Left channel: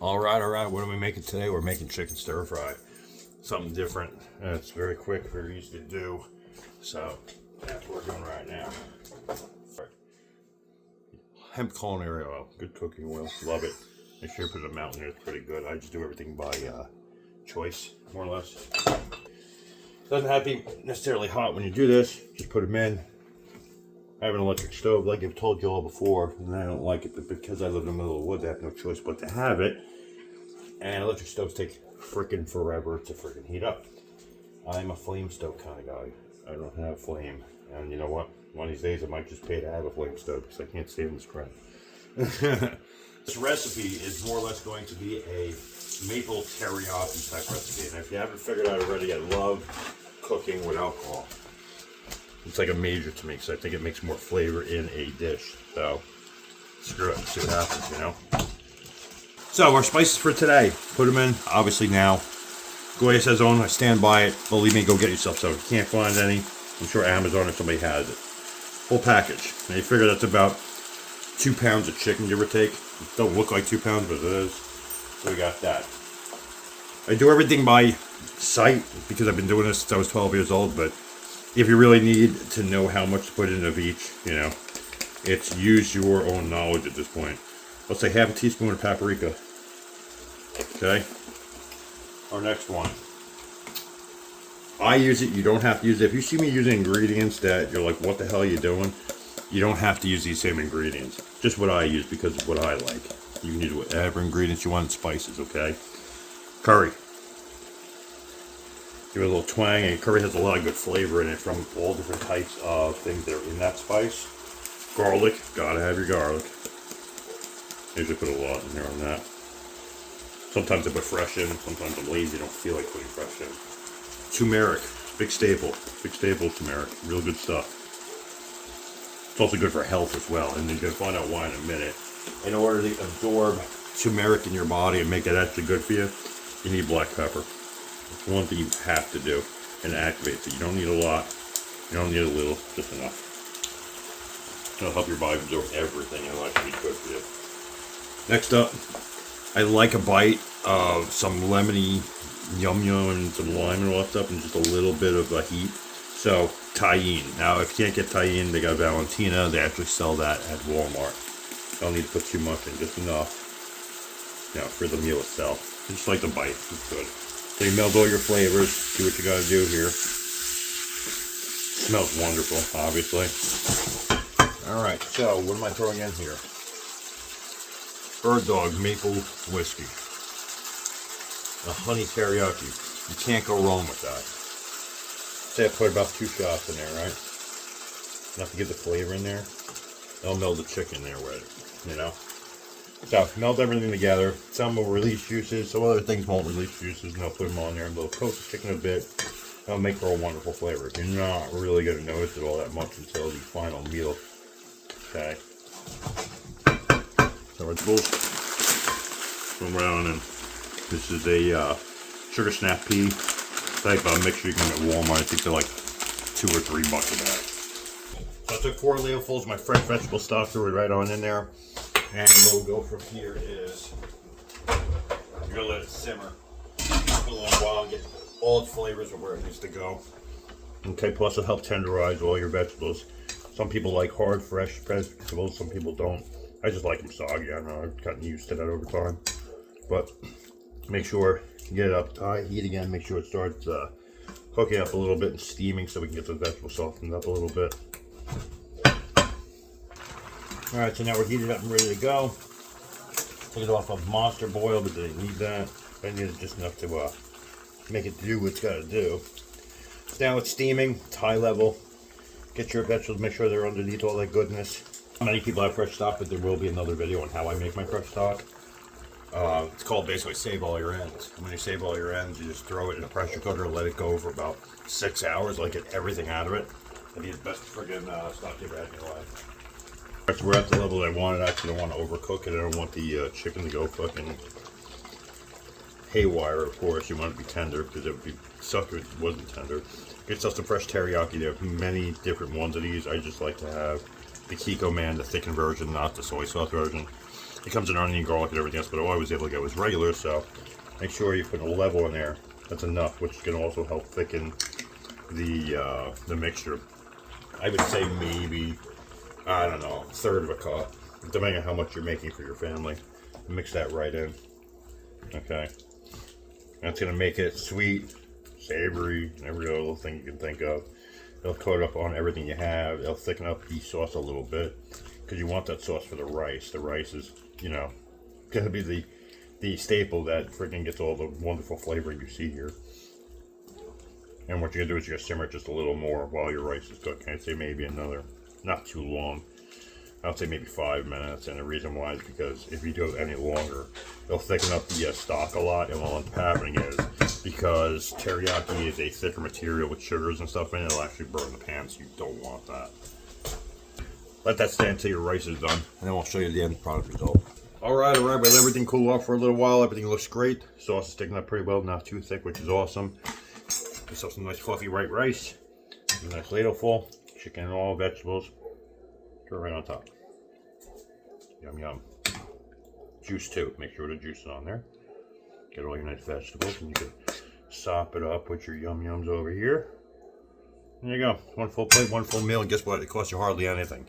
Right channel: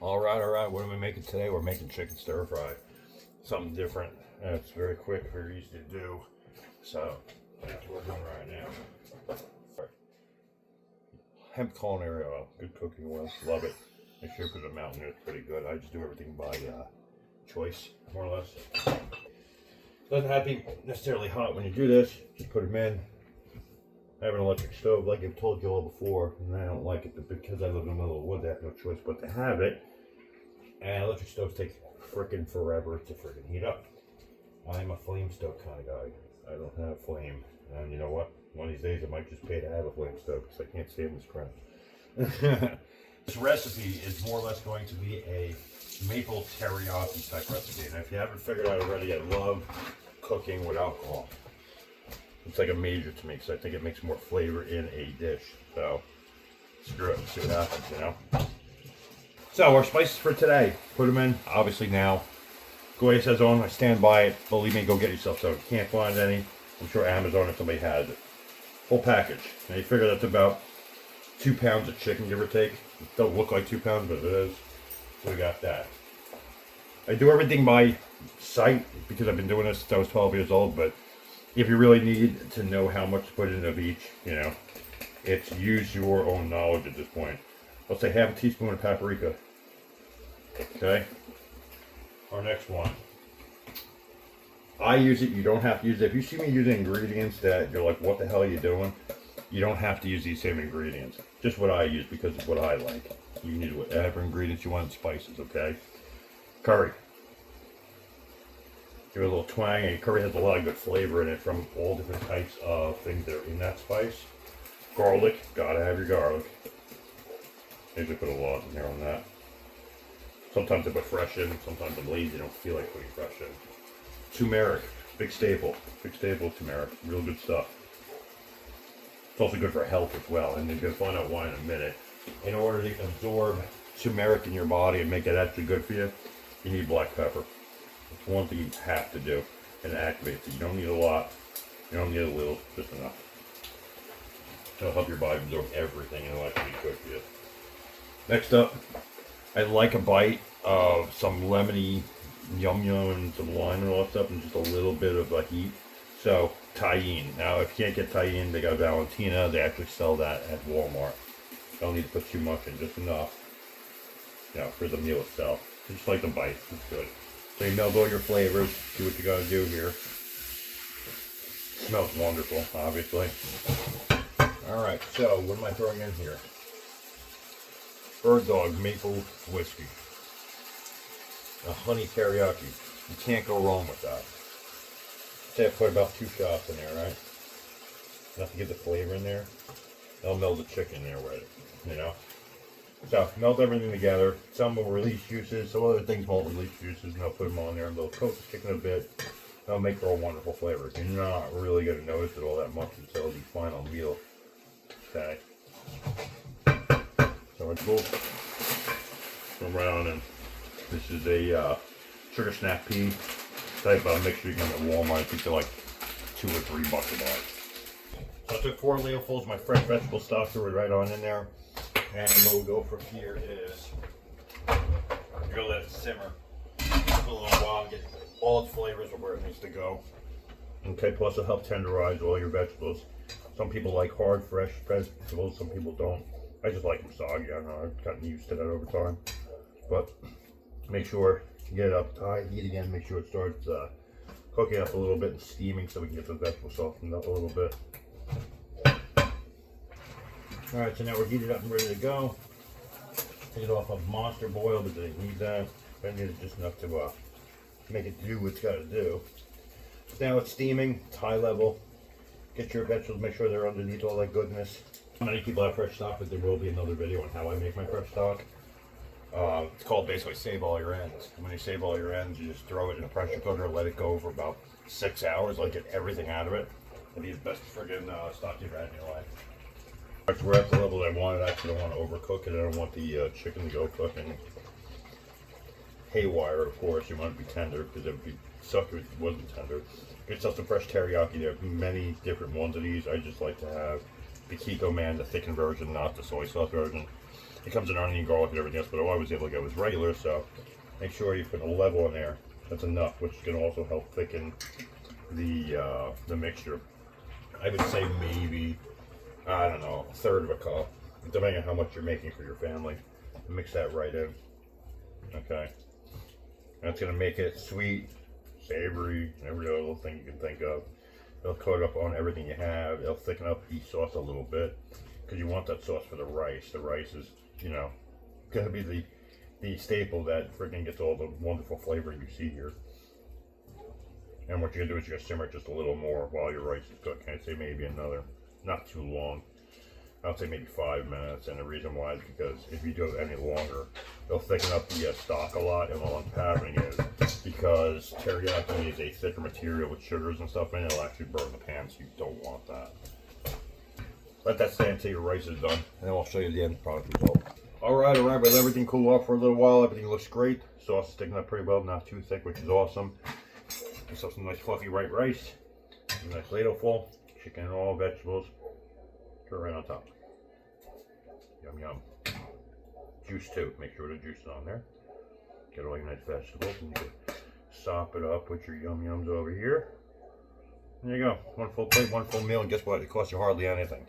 All right. What are we making today? We're making chicken stir fry. Something different. And it's very quick, very easy to do. So that's what we're doing right now. Hemp culinary oil, good cooking oil, love it. Make sure you put a amount in it, it's pretty good. I just do everything by choice, more or less. Doesn't have to be necessarily hot when you do this. Just put them in. I have an electric stove, like I've told you all before, and I don't like it, but because I live in the middle of the woods, I have no choice but to have it. And electric stoves take freaking forever to freaking heat up. I'm a flame stove kind of guy. I don't have flame, and you know what? One of these days I might just pay to have a flame stove because I can't stand this crap. This recipe is more or less going to be a maple teriyaki type recipe, and if you haven't figured out already, I love cooking with alcohol. It's like a major to me because I think it makes more flavor in a dish. So screw it, see what happens, you know. So our spices for today, put them in obviously now. Goya says on, I stand by it. Believe me, go get yourself some. If you can't find any, I'm sure Amazon or somebody has it. Full package. Now you figure that's about 2 pounds of chicken, give or take. It don't look like 2 pounds, but it is. So we got that. I do everything by sight because I've been doing this since I was 12 years old, but if you really need to know how much to put in of each, you know, it's use your own knowledge at this point. Let's say half a teaspoon of paprika. Okay. Our next one. I use it, you don't have to use it. If you see me using ingredients that you're like, what the hell are you doing? You don't have to use these same ingredients. Just what I use because of what I like. You can use whatever ingredients you want in spices, okay? Curry. Give it a little twang, and curry has a lot of good flavor in it from all different types of things that are in that spice. Garlic, gotta have your garlic. Usually put a lot in here on that. Sometimes I put fresh in, sometimes I'm lazy, don't feel like putting fresh in. Turmeric, big staple of turmeric, real good stuff. It's also good for health as well, and you're gonna find out why in a minute. In order to absorb turmeric in your body and make that actually good for you, you need black pepper. It's one thing you have to do, and it activates it. You don't need a lot, you don't need a little, just enough. It'll help your body absorb everything and it'll actually be good for you. Next up, I like a bite of some lemony yum and some lime and all that stuff, and just a little bit of heat. So Tajín. Now, if you can't get Tajín, they got Valentina. They actually sell that at Walmart. Don't need to put too much in, just enough, you know, for the meal itself. Just like the bite, it's good. So you meld all your flavors. Do what you gotta do here. Smells wonderful, obviously. All right. So what am I throwing in here? Bird Dog Maple Whiskey. A honey teriyaki. You can't go wrong with that. Say I put about 2 shots in there, right? Enough to get the flavor in there. I'll meld the chicken there with it, you know? So, meld everything together. Some will release juices, some other things won't release juices, and I'll put them on there, and they'll coat the chicken a bit. That'll make for a wonderful flavor. You're not really going to notice it all that much until the final meal. Okay? So it's cool. Come around, and this is a sugar snap pea type mixture you can get at Walmart. I think they're like $2 or $3 a bag. So I took 4 ladlefuls of my fresh vegetable stock, threw it right on in there. And what we'll go from here is you're gonna let it simmer for a little while and get all its flavors of where it needs to go. Okay, plus it'll help tenderize all your vegetables. Some people like hard, fresh vegetables, some people don't. I just like them soggy. I don't know, I've gotten used to that over time. But make sure you get it up high heat again. Make sure it starts cooking up a little bit and steaming so we can get the vegetables softened up a little bit. Alright, so now we're heated up and ready to go. Take it off of monster boil, but they need that. I need it just enough to make it do what it's got to do. So now it's steaming, it's high level. Get your vegetables, make sure they're underneath all that goodness. Many people have fresh stock, but there will be another video on how I make my fresh stock. It's called basically save all your ends. When you save all your ends, you just throw it in a pressure cooker, let it go for about 6 hours, let get everything out of it. It'll be the best friggin' stock you've had in your life. Alright, so we're at the level that I want it. I actually don't want to overcook it. I don't want the chicken to go fucking haywire, of course. You want it to be tender, because it would be suck if it wasn't tender. Get yourself some fresh teriyaki. There are many different ones of these. I just like to have the Kiko Man, the thickened version, not the soy sauce version. It comes in onion, garlic, and everything else, but all I was able to get was regular, so make sure you put a level in there. That's enough, which can also help thicken the mixture. I would say maybe, I don't know, a third of a cup, depending on how much you're making for your family. Mix that right in. Okay. That's going to make it sweet, savory, every other little thing you can think of. It'll coat up on everything you have. It'll thicken up the sauce a little bit because you want that sauce for the rice. The rice is, you know, going to be the staple that freaking gets all the wonderful flavor you see here. And what you're going to do is you're going to simmer it just a little more while your rice is cooking. I'd say maybe another, not too long. I'd say maybe 5 minutes, and the reason why is because if you do it any longer, it'll thicken up the stock a lot, and what ends up happening is, because teriyaki is a thicker material with sugars and stuff in it, it'll actually burn the pan, so you don't want that. Let that stand until your rice is done, and then I'll show you the end product result. Alright, we let everything cool off for a little while. Everything looks great. Sauce is sticking up pretty well, not too thick, which is awesome. Get some nice fluffy white rice, a nice ladle full, chicken and all, vegetables. Throw it right on top. Yum yum. Juice too. Make sure the juice is on there. Get all your nice vegetables, and you can sop it up with your yum yums over here. There you go. One full plate, one full meal, and guess what? It costs you hardly anything.